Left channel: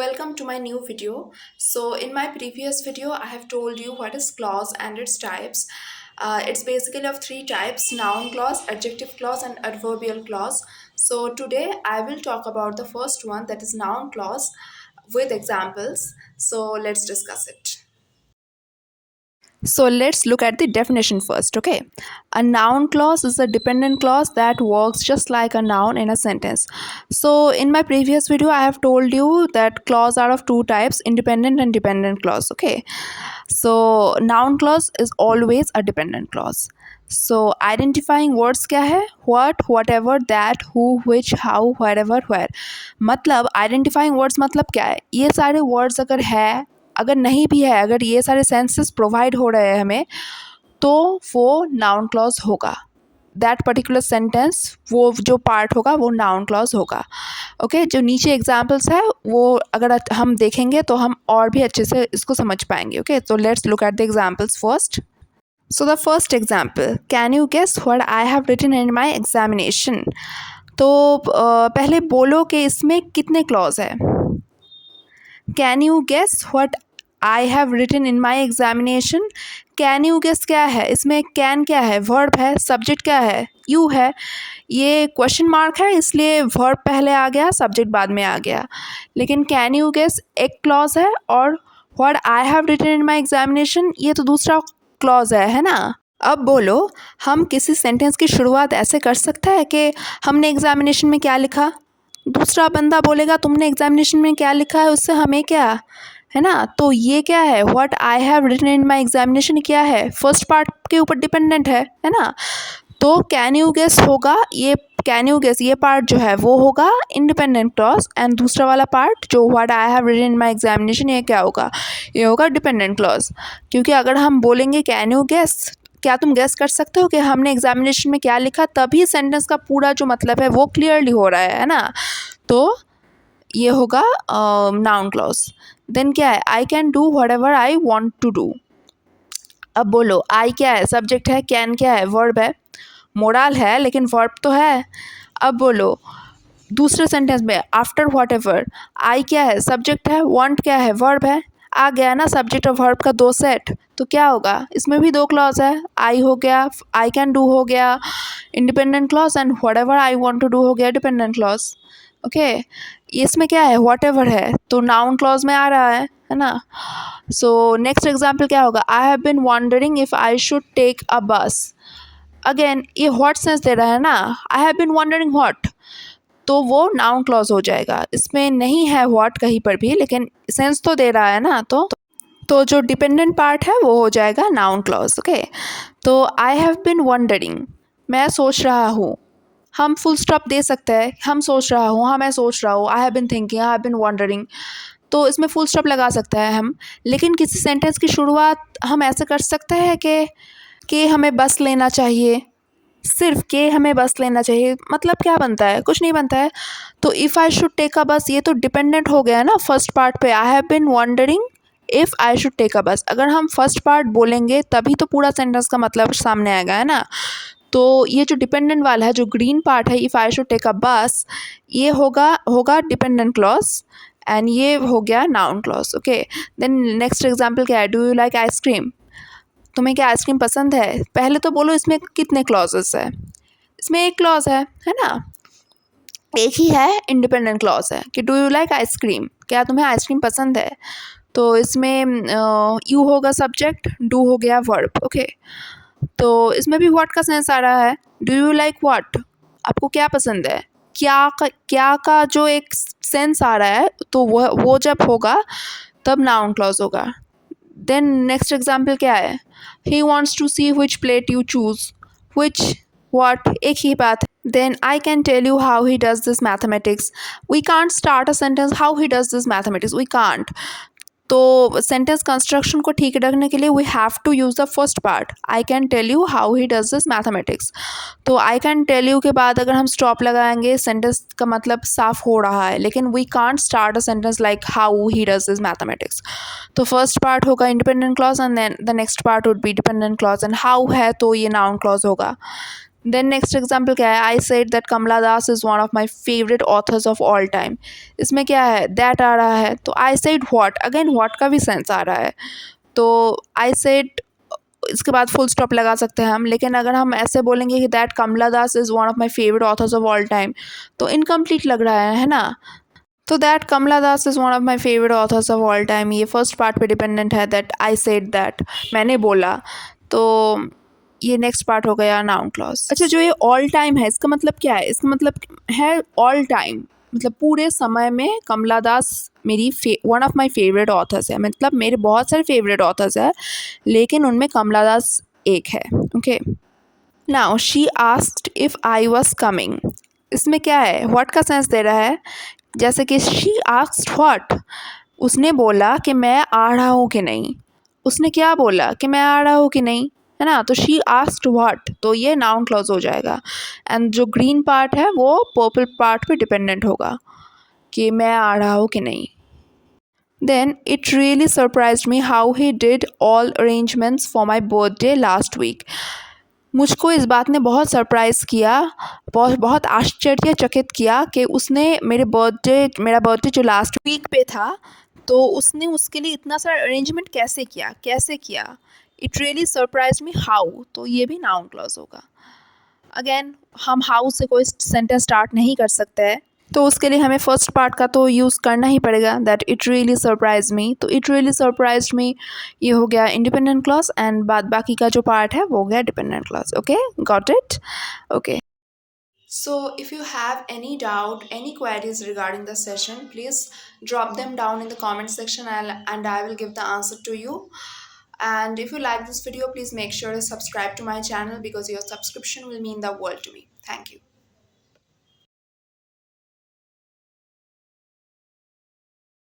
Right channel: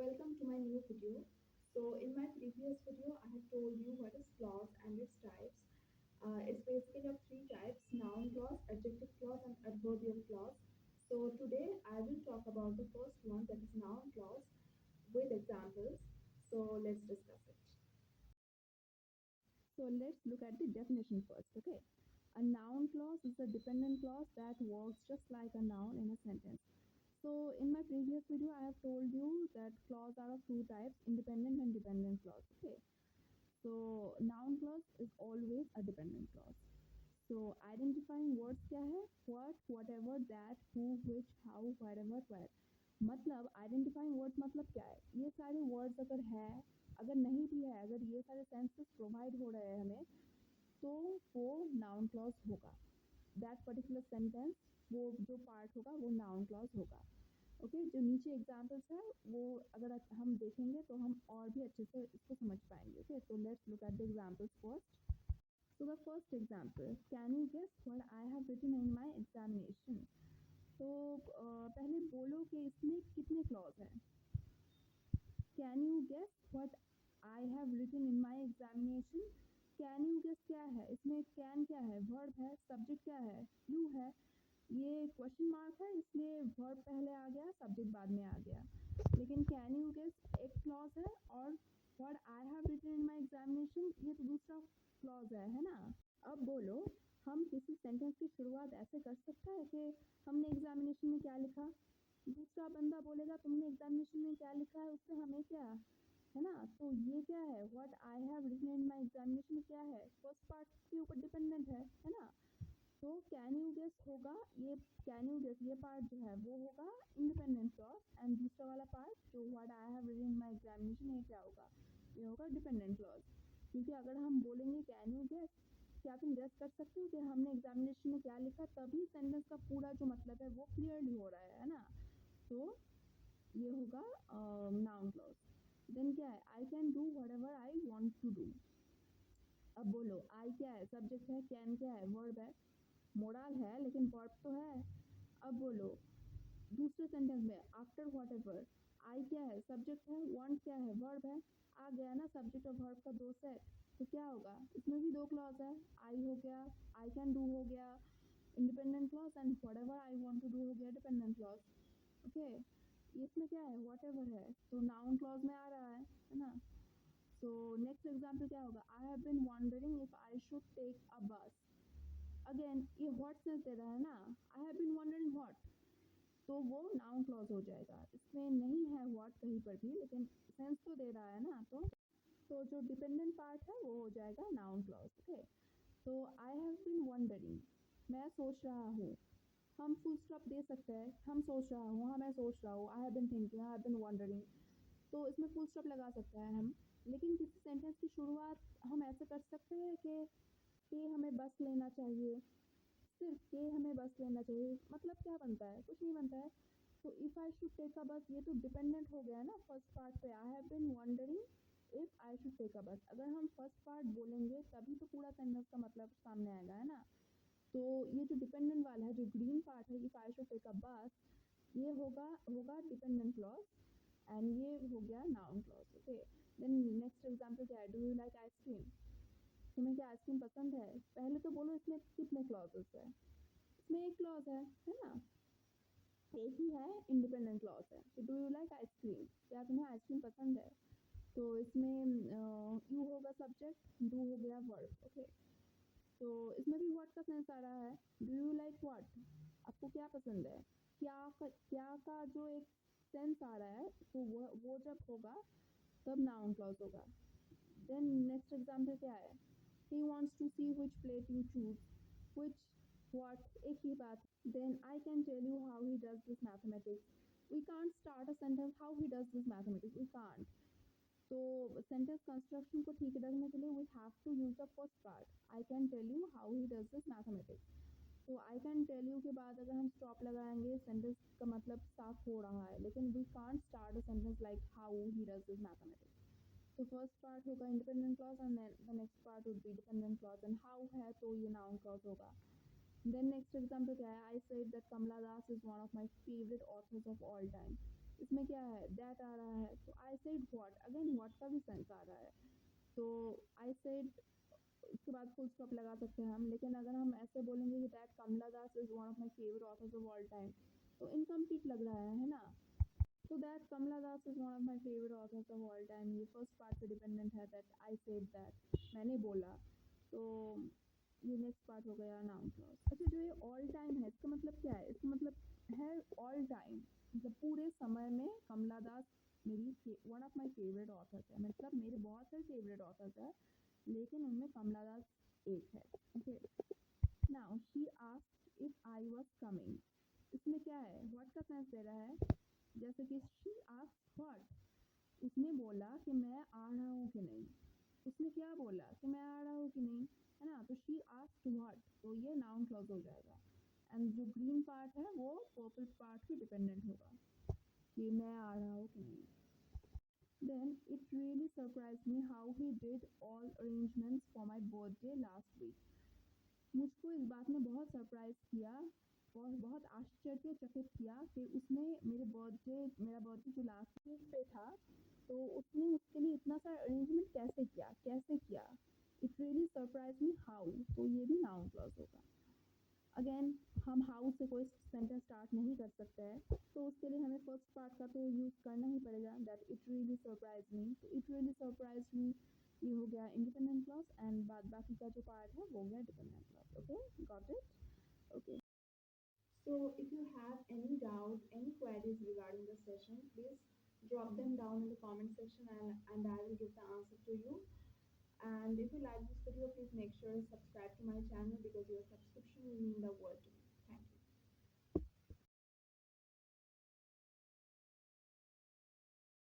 Welcome to my new video. So in my previous video I have told you what is clause and its types. It's basically of three types: noun clause, adjective clause, and adverbial clause. So today I will talk about the first one, that is noun clause, with examples. So let's discuss it. So let's look at the definition first, okay? A noun clause is a dependent clause that works just like a noun in a sentence. So in my previous video, I have told you that clause are of two types, independent and dependent clause, okay? So noun clause is always a dependent clause. So identifying words क्या है? What, whatever, that, who, which, how, wherever, where. मतलब identifying words मतलब क्या है? ये सारे words अगर है, अगर नहीं भी है, अगर ये सारे सेंसेस प्रोवाइड हो रहे हैं हमें, तो वो नाउन क्लॉज होगा. दैट पर्टिकुलर सेंटेंस, वो जो पार्ट होगा वो नाउन क्लॉज होगा. ओके, जो नीचे एग्जाम्पल्स है वो अगर हम देखेंगे तो हम और भी अच्छे से इसको समझ पाएंगे. ओके, तो let's look at the examples first. So the first example, can you guess what I have written in my examination. तो पहले बोलो कि इसमें कितने क्लॉज है. Can you guess what I have written in my examination. Can you guess क्या है इसमें? कैन क्या है? वर्ब है. सब्जेक्ट क्या है? यू है. ये क्वेश्चन मार्क है इसलिए वर्ब पहले आ गया, सब्जेक्ट बाद में आ गया. लेकिन कैन यू गेस एक क्लॉज है और what I have written in my examination ये तो दूसरा क्लॉज है ना. अब बोलो, हम किसी सेंटेंस की शुरुआत ऐसे कर सकते हैं कि हमने एग्जामिनेशन में क्या लिखा. दूसरा बंदा बोलेगा तुमने एग्जामिनेशन में क्या लिखा है, उससे हमें क्या है ना. तो ये क्या है? What I have written in my examination क्या है? फर्स्ट पार्ट के ऊपर डिपेंडेंट है ना. तो कैन यू गेस होगा, ये कैन यू गेस ये पार्ट जो है वो होगा इंडिपेंडेंट क्लॉज, एंड दूसरा वाला पार्ट जो what I have written in my examination ये क्या होगा? ये होगा डिपेंडेंट क्लॉज. क्योंकि अगर हम बोलेंगे कैन यू गेस, क्या तुम गेस कर सकते हो कि हमने एग्जामिनेशन में क्या लिखा, तभी सेंटेंस का पूरा जो मतलब है वो क्लियरली हो रहा है ना. तो ये होगा नाउन क्लॉज. देन क्या है? I can do whatever I want to do. अब बोलो, आई क्या है? सब्जेक्ट है. कैन क्या है? वर्ब है. मोरल है लेकिन वर्ब तो है. अब बोलो दूसरे सेंटेंस में, आफ्टर व्हाट एवर, आई क्या है? सब्जेक्ट है. वांट क्या है? वर्ब है. आ गया ना सब्जेक्ट और वर्ब का दो सेट. तो क्या होगा? इसमें भी दो क्लॉज है. आई हो गया, आई कैन डू हो गया independent clause, and whatever I want to do हो गया डिपेंडेंट क्लॉज. ओके, इसमें क्या है? व्हाट एवर है तो नाउन क्लॉज में आ रहा है ना. सो नेक्स्ट एग्जाम्पल क्या होगा? I have been wondering if I should take a bus. Again ये व्हाट सेंस दे रहा है ना. I have been wondering what, तो वो नाउन क्लॉज हो जाएगा. इसमें नहीं है व्हाट कहीं पर भी, लेकिन सेंस तो दे रहा है ना. तो जो डिपेंडेंट पार्ट है वो हो जाएगा नाउन क्लॉज. ओके, तो आई हैव बिन वंडरिंग, मैं सोच रहा हूँ. हम फुल स्टॉप दे सकते हैं. हम सोच रहा हूँ, हाँ मैं सोच रहा हूँ. आई have been thinking, I have been wondering, तो इसमें फुल स्टॉप लगा सकते हैं हम. लेकिन किसी सेंटेंस की शुरुआत हम ऐसे कर सकते हैं कि हमें बस लेना चाहिए. सिर्फ के हमें बस लेना चाहिए, मतलब क्या बनता है? कुछ नहीं बनता है. तो if I should take a bus, ये तो डिपेंडेंट हो गया ना फर्स्ट पार्ट पे. I have been wondering if I should take a bus. अगर हम फर्स्ट पार्ट बोलेंगे तभी तो पूरा सेंटेंस का मतलब सामने आएगा, है ना. तो ये जो डिपेंडेंट वाला है, जो ग्रीन पार्ट है, if I should take a bus, ये होगा होगा डिपेंडेंट क्लॉज, एंड ये हो गया noun clause. Okay, then next example क्या है? Do you like ice cream. तुम्हें क्या आइसक्रीम पसंद है? पहले तो बोलो इसमें कितने क्लॉजेस है. इसमें एक क्लॉज है ना. एक ही है, इंडिपेंडेंट क्लॉज है कि डू यू लाइक आइसक्रीम, क्या तुम्हें आइसक्रीम पसंद है. तो इसमें यू होगा सब्जेक्ट, डू हो गया वर्ब. ओके, तो इसमें भी व्हाट का सेंस आ रहा है. डू यू लाइक व्हाट, आपको क्या पसंद है. क्या का जो एक सेंस आ रहा है, तो वो जब होगा तब नाउन क्लॉज होगा. देन नेक्स्ट एग्जाम्पल क्या है? He wants to see which plate you choose. Which, what, एक ही बात है. Then I can tell you how he does this mathematics. We can't start a sentence how he does this mathematics. We can't. तो sentence construction को ठीक रखने के लिए we have to use the first part. I can tell you how he does this mathematics. तो I can tell you के बाद अगर हम स्टॉप लगाएंगे, सेंटेंस का मतलब साफ हो रहा है, लेकिन we can't start a sentence like how he does this mathematics. तो फर्स्ट पार्ट होगा independent clause, and then the next part would be dependent clause, and how है तो ये नाउन क्लॉज होगा. देन नेक्स्ट एग्जाम्पल क्या है, I said that Kamala Das is one of my favourite authors of all time. इसमें क्या है, दैट आ रहा है, तो I said what, again what का भी सेंस आ रहा है। तो आई सेड, इसके बाद फुल स्टॉप लगा सकते हैं हम, लेकिन अगर हम ऐसे बोलेंगे कि that Kamala Das is one of my favourite authors of all time, तो इनकम्प्लीट लग रहा है ना। तो that Kamala Das is one of my favourite authors of all time, ये फर्स्ट पार्ट पे डिपेंडेंट है, दैट आई सेड दैट, मैंने बोला। तो ये नेक्स्ट पार्ट हो गया नाउन क्लॉज। अच्छा, जो ये ऑल टाइम है, इसका मतलब क्या है, इसका मतलब है ऑल टाइम, मतलब पूरे समय में कमला दास मेरी one of my favourite authors है, मतलब मेरे बहुत सारे फेवरेट ऑथर्स है, लेकिन उनमें कमला दास एक है। Okay, now she asked if I was coming, इसमें क्या है, व्हाट का सेंस दे रहा है, जैसे कि शी आस्क्ड व्हाट, उसने बोला कि मैं आ रहा हूँ कि नहीं, उसने क्या बोला कि मैं आ रहा हूँ कि नहीं, है ना। तो शी आस्क्ड व्हाट, तो ये नाउन क्लॉज हो जाएगा। एंड जो ग्रीन पार्ट है वो पर्पल पार्ट पे डिपेंडेंट होगा कि मैं आ रहा हूँ कि नहीं। Then it really surprised me how he did all arrangements for my birthday last week, मुझको इस बात ने बहुत सरप्राइज़ किया, बहुत बहुत आश्चर्यचकित किया कि उसने मेरा बर्थडे जो लास्ट वीक पे था, तो उसने उसके लिए इतना सारा अरेंजमेंट कैसे किया। It really surprise me how, तो ये भी नाउन क्लॉज होगा। अगेन हम हाउ से कोई सेंटेंस स्टार्ट नहीं कर सकते हैं, तो उसके लिए हमें फर्स्ट पार्ट का तो यूज़ करना ही पड़ेगा, that it really surprise me. तो इट रियली सरप्राइज मी ये हो गया इंडिपेंडेंट क्लॉज, एंड बाद बाकी का जो पार्ट है वो हो गया dependent clause. Okay, got it. Okay, so if you have any doubt, any queries regarding the session, please drop them down in the comment section, and I will give the answer to you. And if you like this video, please make sure to subscribe to my channel, because your subscription will mean the world to me. Thank you.